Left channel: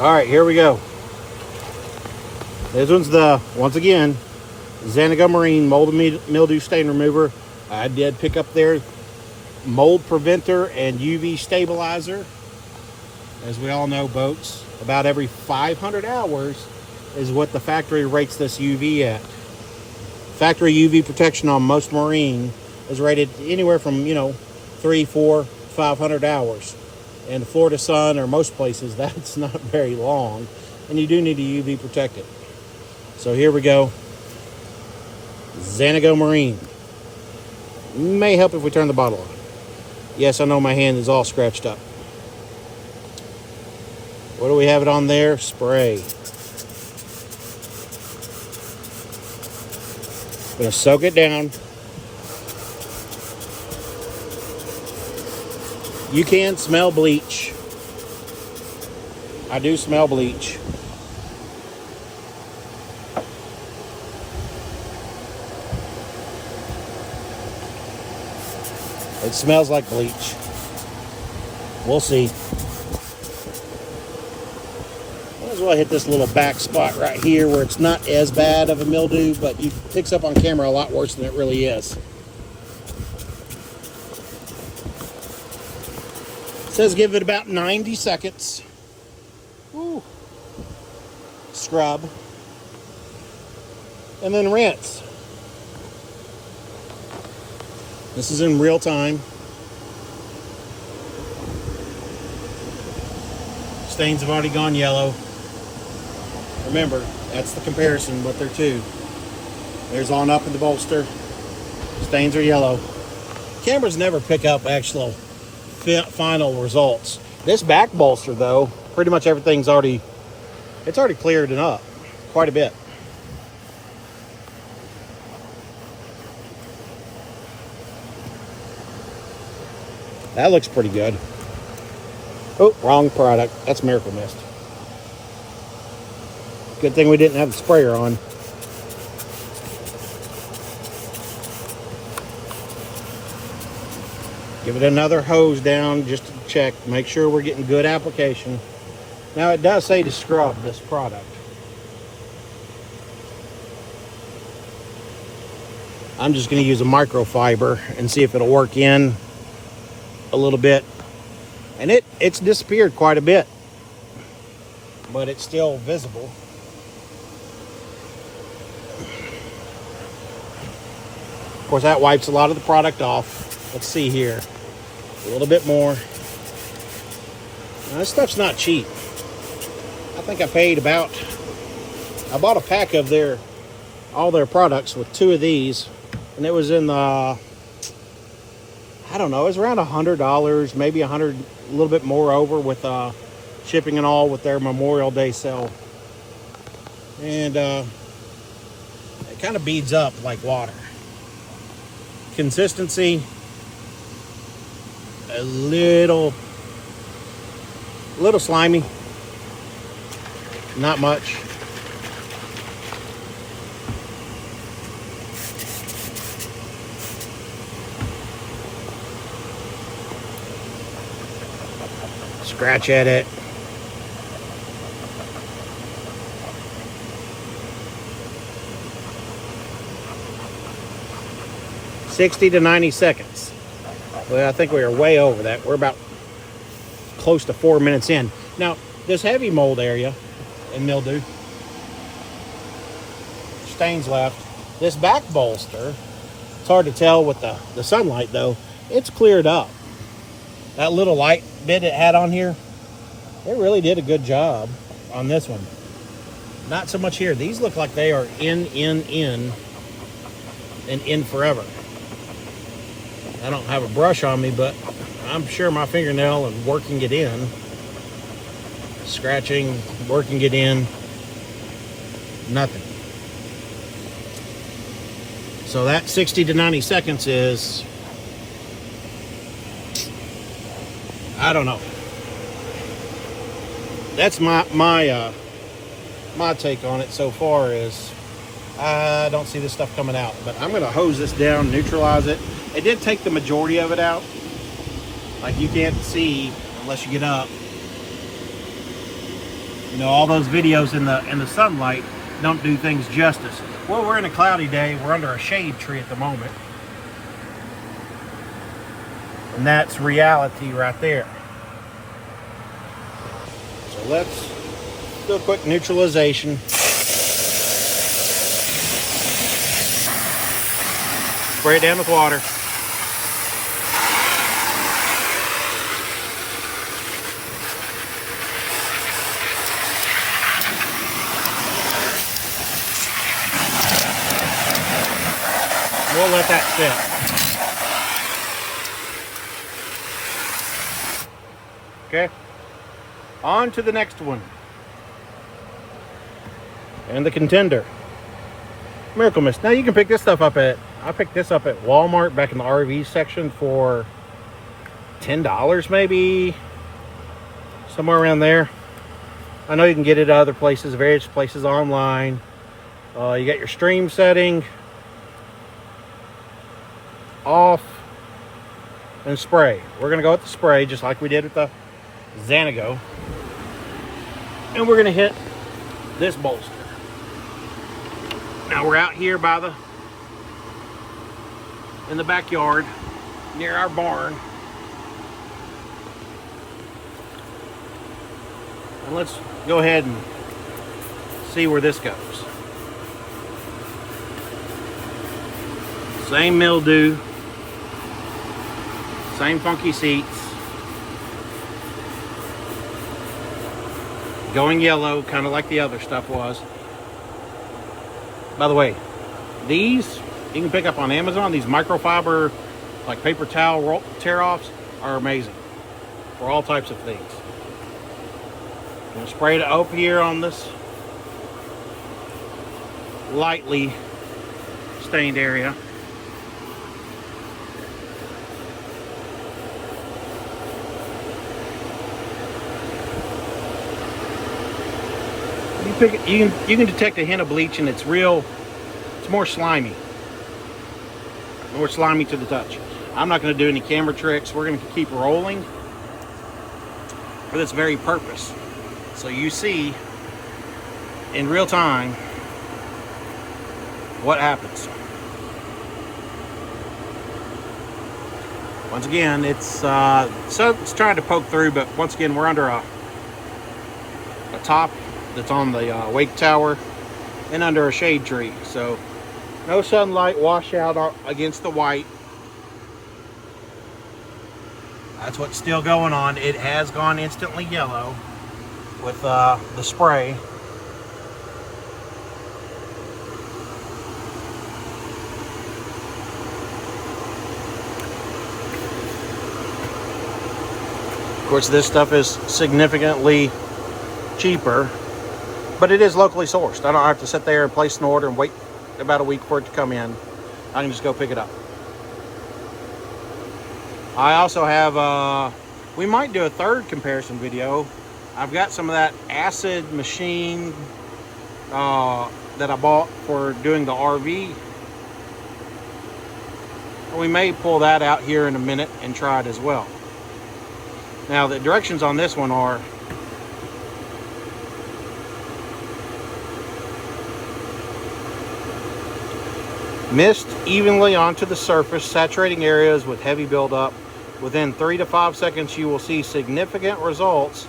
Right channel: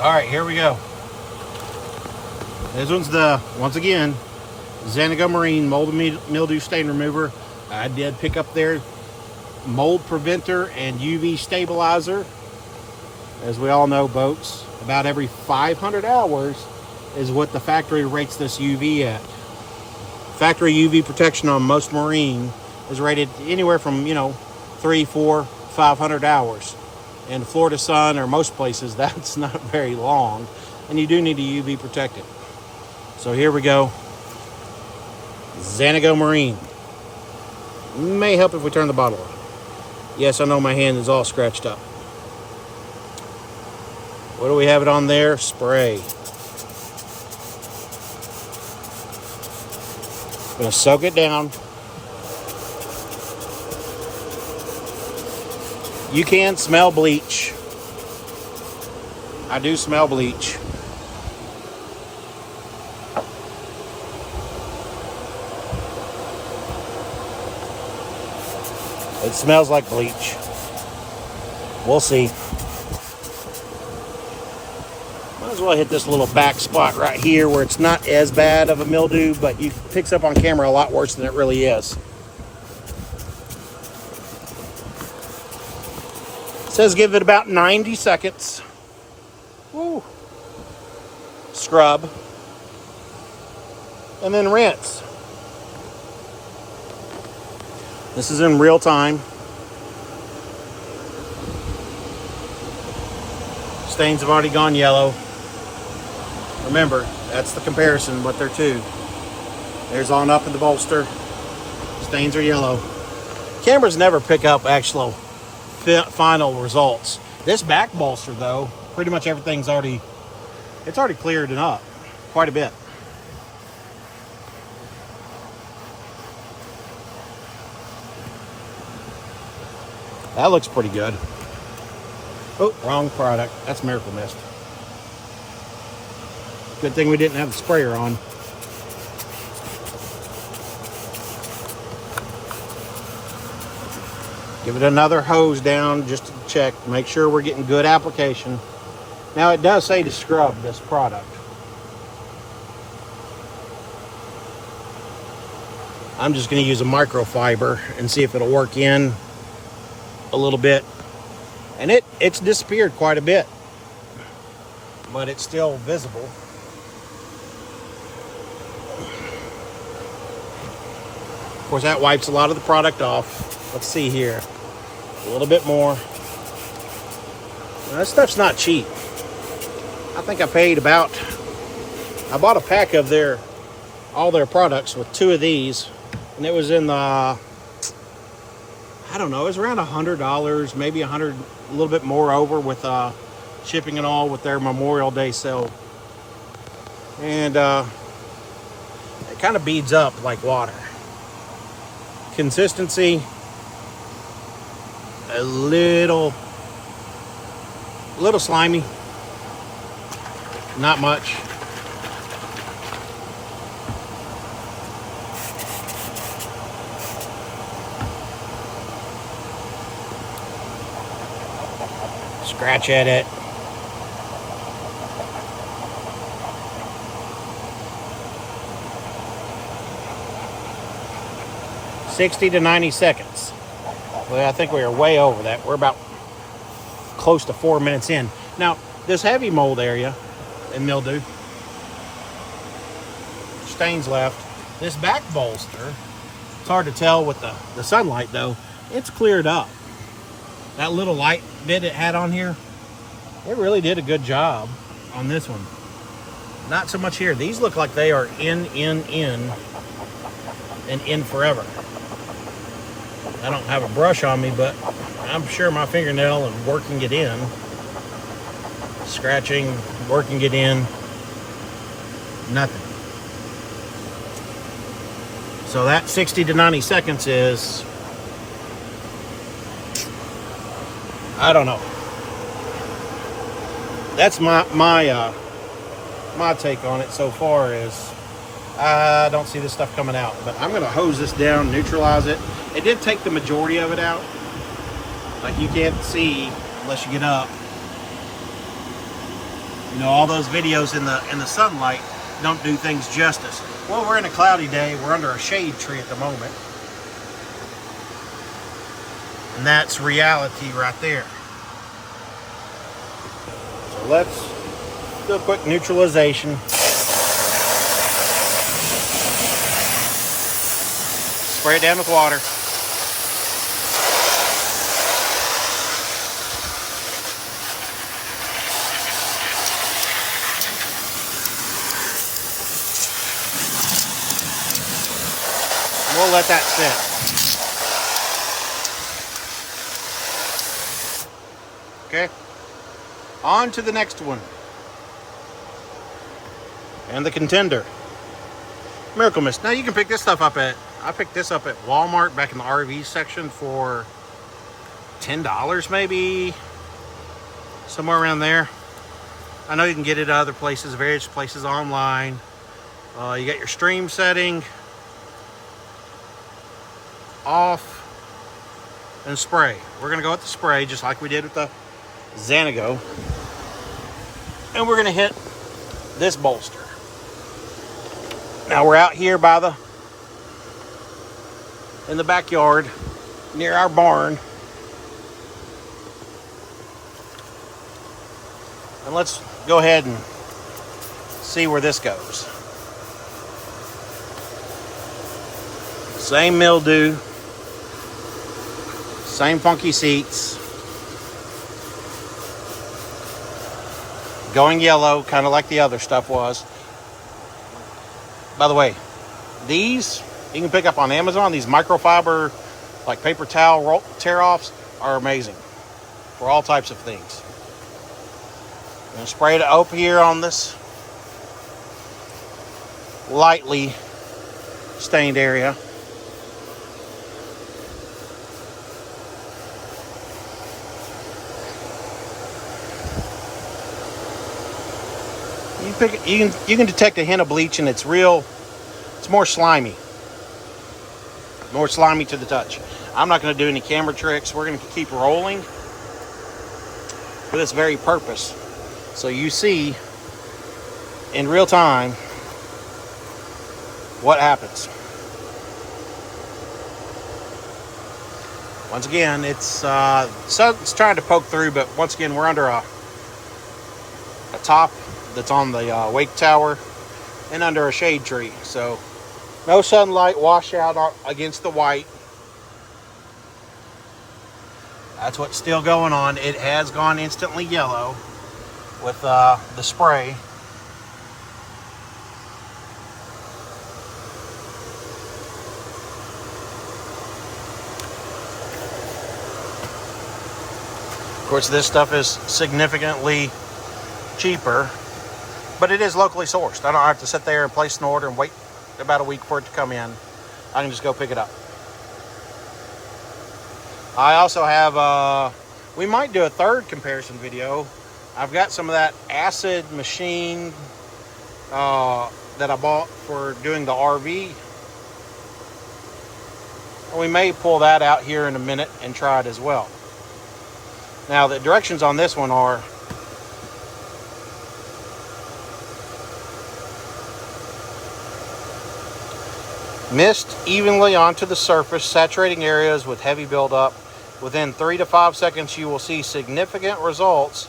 All right, here we go. This one's the, once again, Xanigo Marine Mold and Mildew Stain Remover. I did pick up their mold preventer and UV stabilizer. As we all know, boats, about every 500 hours is what the factory rates this UV at. Factory UV protection on most marine is rated anywhere from, 3, 4, 500 hours. In Florida sun or most places, that's not very long, and you do need to UV protect it. So here we go. Xanigo Marine. May help if we turn the bottle on. Yes, I know my hand is all scratched up. What do we have it on there? Spray. Gonna soak it down. You can smell bleach. I do smell bleach. It smells like bleach. We'll see. Might as well hit this little back spot right here where it's not as bad of a mildew, but it picks up on camera a lot worse than it really is. It says give it about 90 seconds. Woo. Scrub. And then rinse. This is in real time. Stains have already gone yellow. Remember, that's the comparison, what they're two. There's on up in the bolster. Stains are yellow. Cameras never pick up actual final results. This back bolster, though, pretty much everything's already cleared it up quite a bit. That looks pretty good. Oh, wrong product. That's Miracle Mist. Good thing we didn't have the sprayer on. Give it another hose down just to check. Make sure we're getting good application. Now it does say to scrub this product. I'm just going to use a microfiber and see if it'll work in a little bit. And it's disappeared quite a bit, but it's still visible. Of course, that wipes a lot of the product off. Let's see here. A little bit more. Now, this stuff's not cheap. I think I paid about, I bought a pack of all their products with 2 of these, and it was in the, I don't know, it was around $100, maybe a little bit more over with shipping and all with their Memorial Day sale. And it kind of beads up like water. Consistency, a little slimy, not much. Scratch at it. $60 to 90 seconds. Well, I think we are way over that. We're about close to 4 minutes in. Now, this heavy mold area and mildew, stains left. This back bolster, it's hard to tell with the sunlight though, it's cleared up. That little light bit it had on here, it really did a good job on this one. Not so much here. These look like they are in, and in forever. I don't have a brush on me, but I'm sure my fingernail and working it in. Scratching, working it in, nothing. So that 60 to 90 seconds is, I don't know. That's my take on it so far is I don't see this stuff coming out, but I'm going to hose this down, neutralize it. It did take the majority of it out. Like you can't see unless you get up. You know, all those videos in the sunlight don't do things justice. Well, we're in a cloudy day. We're under a shade tree at the moment. And that's reality right there. So let's do a quick neutralization. Spray it down with water. We'll let that sit. Okay. On to the next one. And the contender. Miracle Mist. Now you can pick this stuff up I picked this up at Walmart back in the RV section for $10 maybe. Somewhere around there. I know you can get it at other places, various places online. You got your stream setting off and spray. We're going to go with the spray just like we did with the Xanigo. And we're going to hit this bolster. Now we're out here in the backyard near our barn. And let's go ahead and see where this goes. Same mildew. Same funky seats. Going yellow, kind of like the other stuff was. By the way, these you can pick up on Amazon. These microfiber, like paper towel tear-offs, are amazing for all types of things. I'm going to spray it up here on this lightly stained area. You can detect a hint of bleach, and it's more slimy. More slimy to the touch. I'm not going to do any camera tricks. We're going to keep rolling for this very purpose. So you see in real time what happens. Once again, it's trying to poke through, but once again, we're under a top that's on the wake tower and under a shade tree, so no sunlight washout against the white. That's what's still going on. It has gone instantly yellow with the spray. Of course, this stuff is significantly cheaper, but it is locally sourced. I don't have to sit there and place an order and wait about a week for it to come in. I can just go pick it up. I also have, we might do a third comparison video. I've got some of that acid machine that I bought for doing the RV. And we may pull that out here in a minute and try it as well. Now, the directions on this one are mist evenly onto the surface, saturating areas with heavy buildup. Within 3 to 5 seconds, you will see significant results,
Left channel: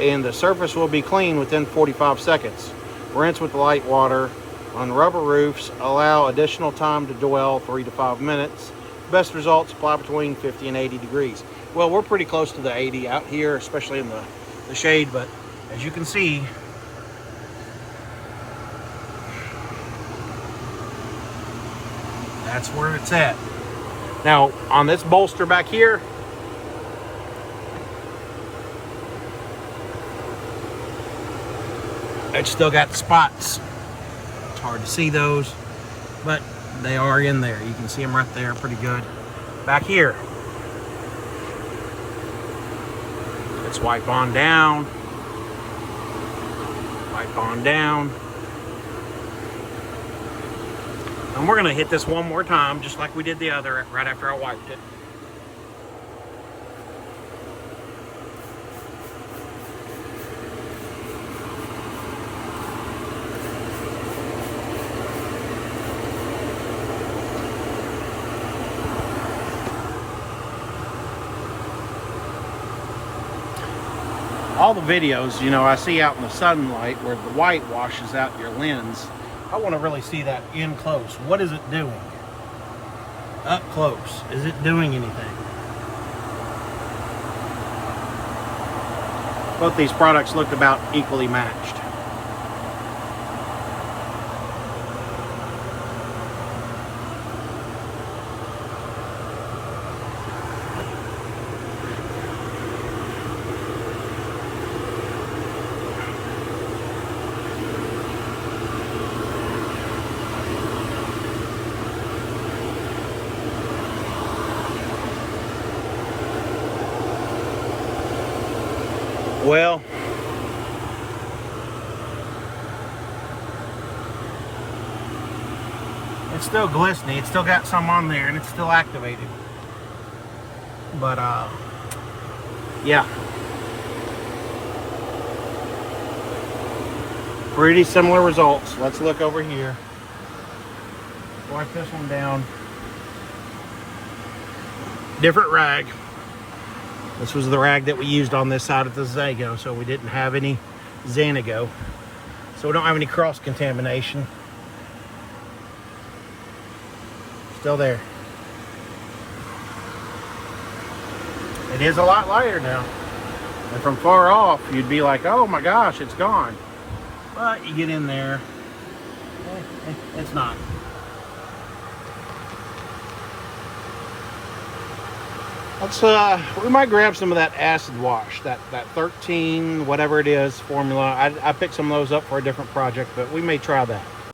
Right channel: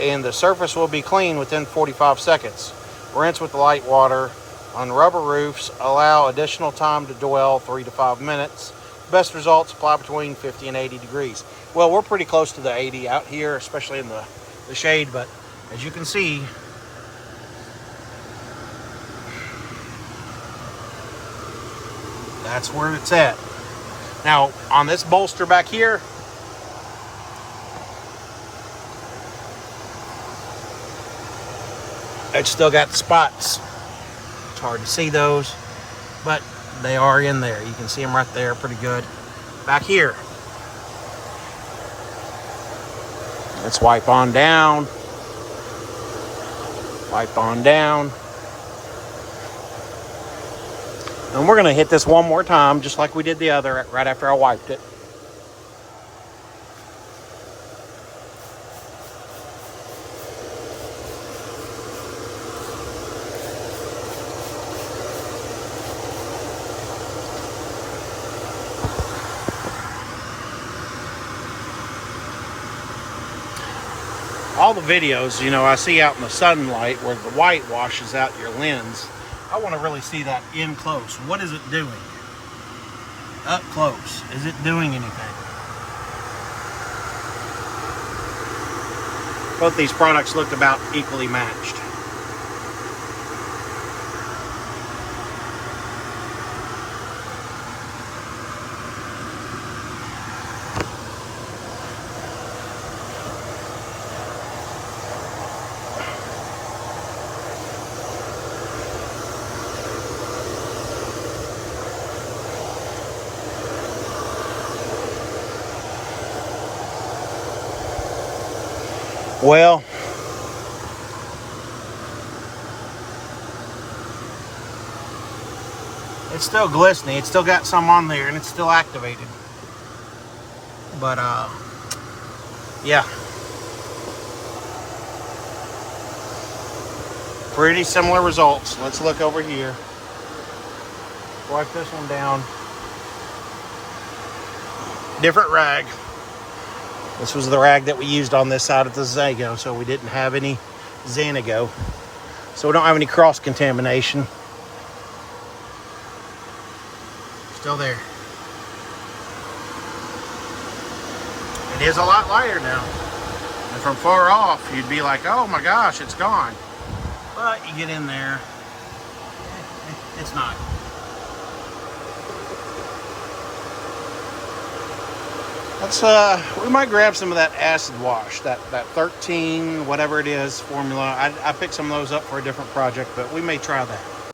and the surface will be clean within 45 seconds. Rinse with light water. On rubber roofs, allow additional time to dwell, 3 to 5 minutes. Best results apply between 50 and 80 degrees. Well, we're pretty close to the 80 out here, especially in the shade, but as you can see, that's where it's at. Now, on this bolster back here, it's still got spots. It's hard to see those, but they are in there. You can see them right there pretty good. Back here, let's wipe on down. Wipe on down. And we're going to hit this one more time, just like we did the other right after I wiped it. All the videos, you know, I see out in the sunlight where the white washes out your lens. I want to really see that in close. What is it doing? Up close. Is it doing anything? Both these products looked about equally matched. Well, it's still glistening. It's still got some on there and it's still activated. But yeah. Pretty similar results. Let's look over here. Wipe this one down. Different rag. This was the rag that we used on this side of the Xanigo, so we didn't have any Xanigo. So we don't have any cross-contamination. Still there. It is a lot lighter now. And from far off, you'd be like, oh my gosh, it's gone. But you get in there, it's not. Let's we might grab some of that acid wash, that 13 whatever it is formula. I picked some of those up for a different project, but we may try that.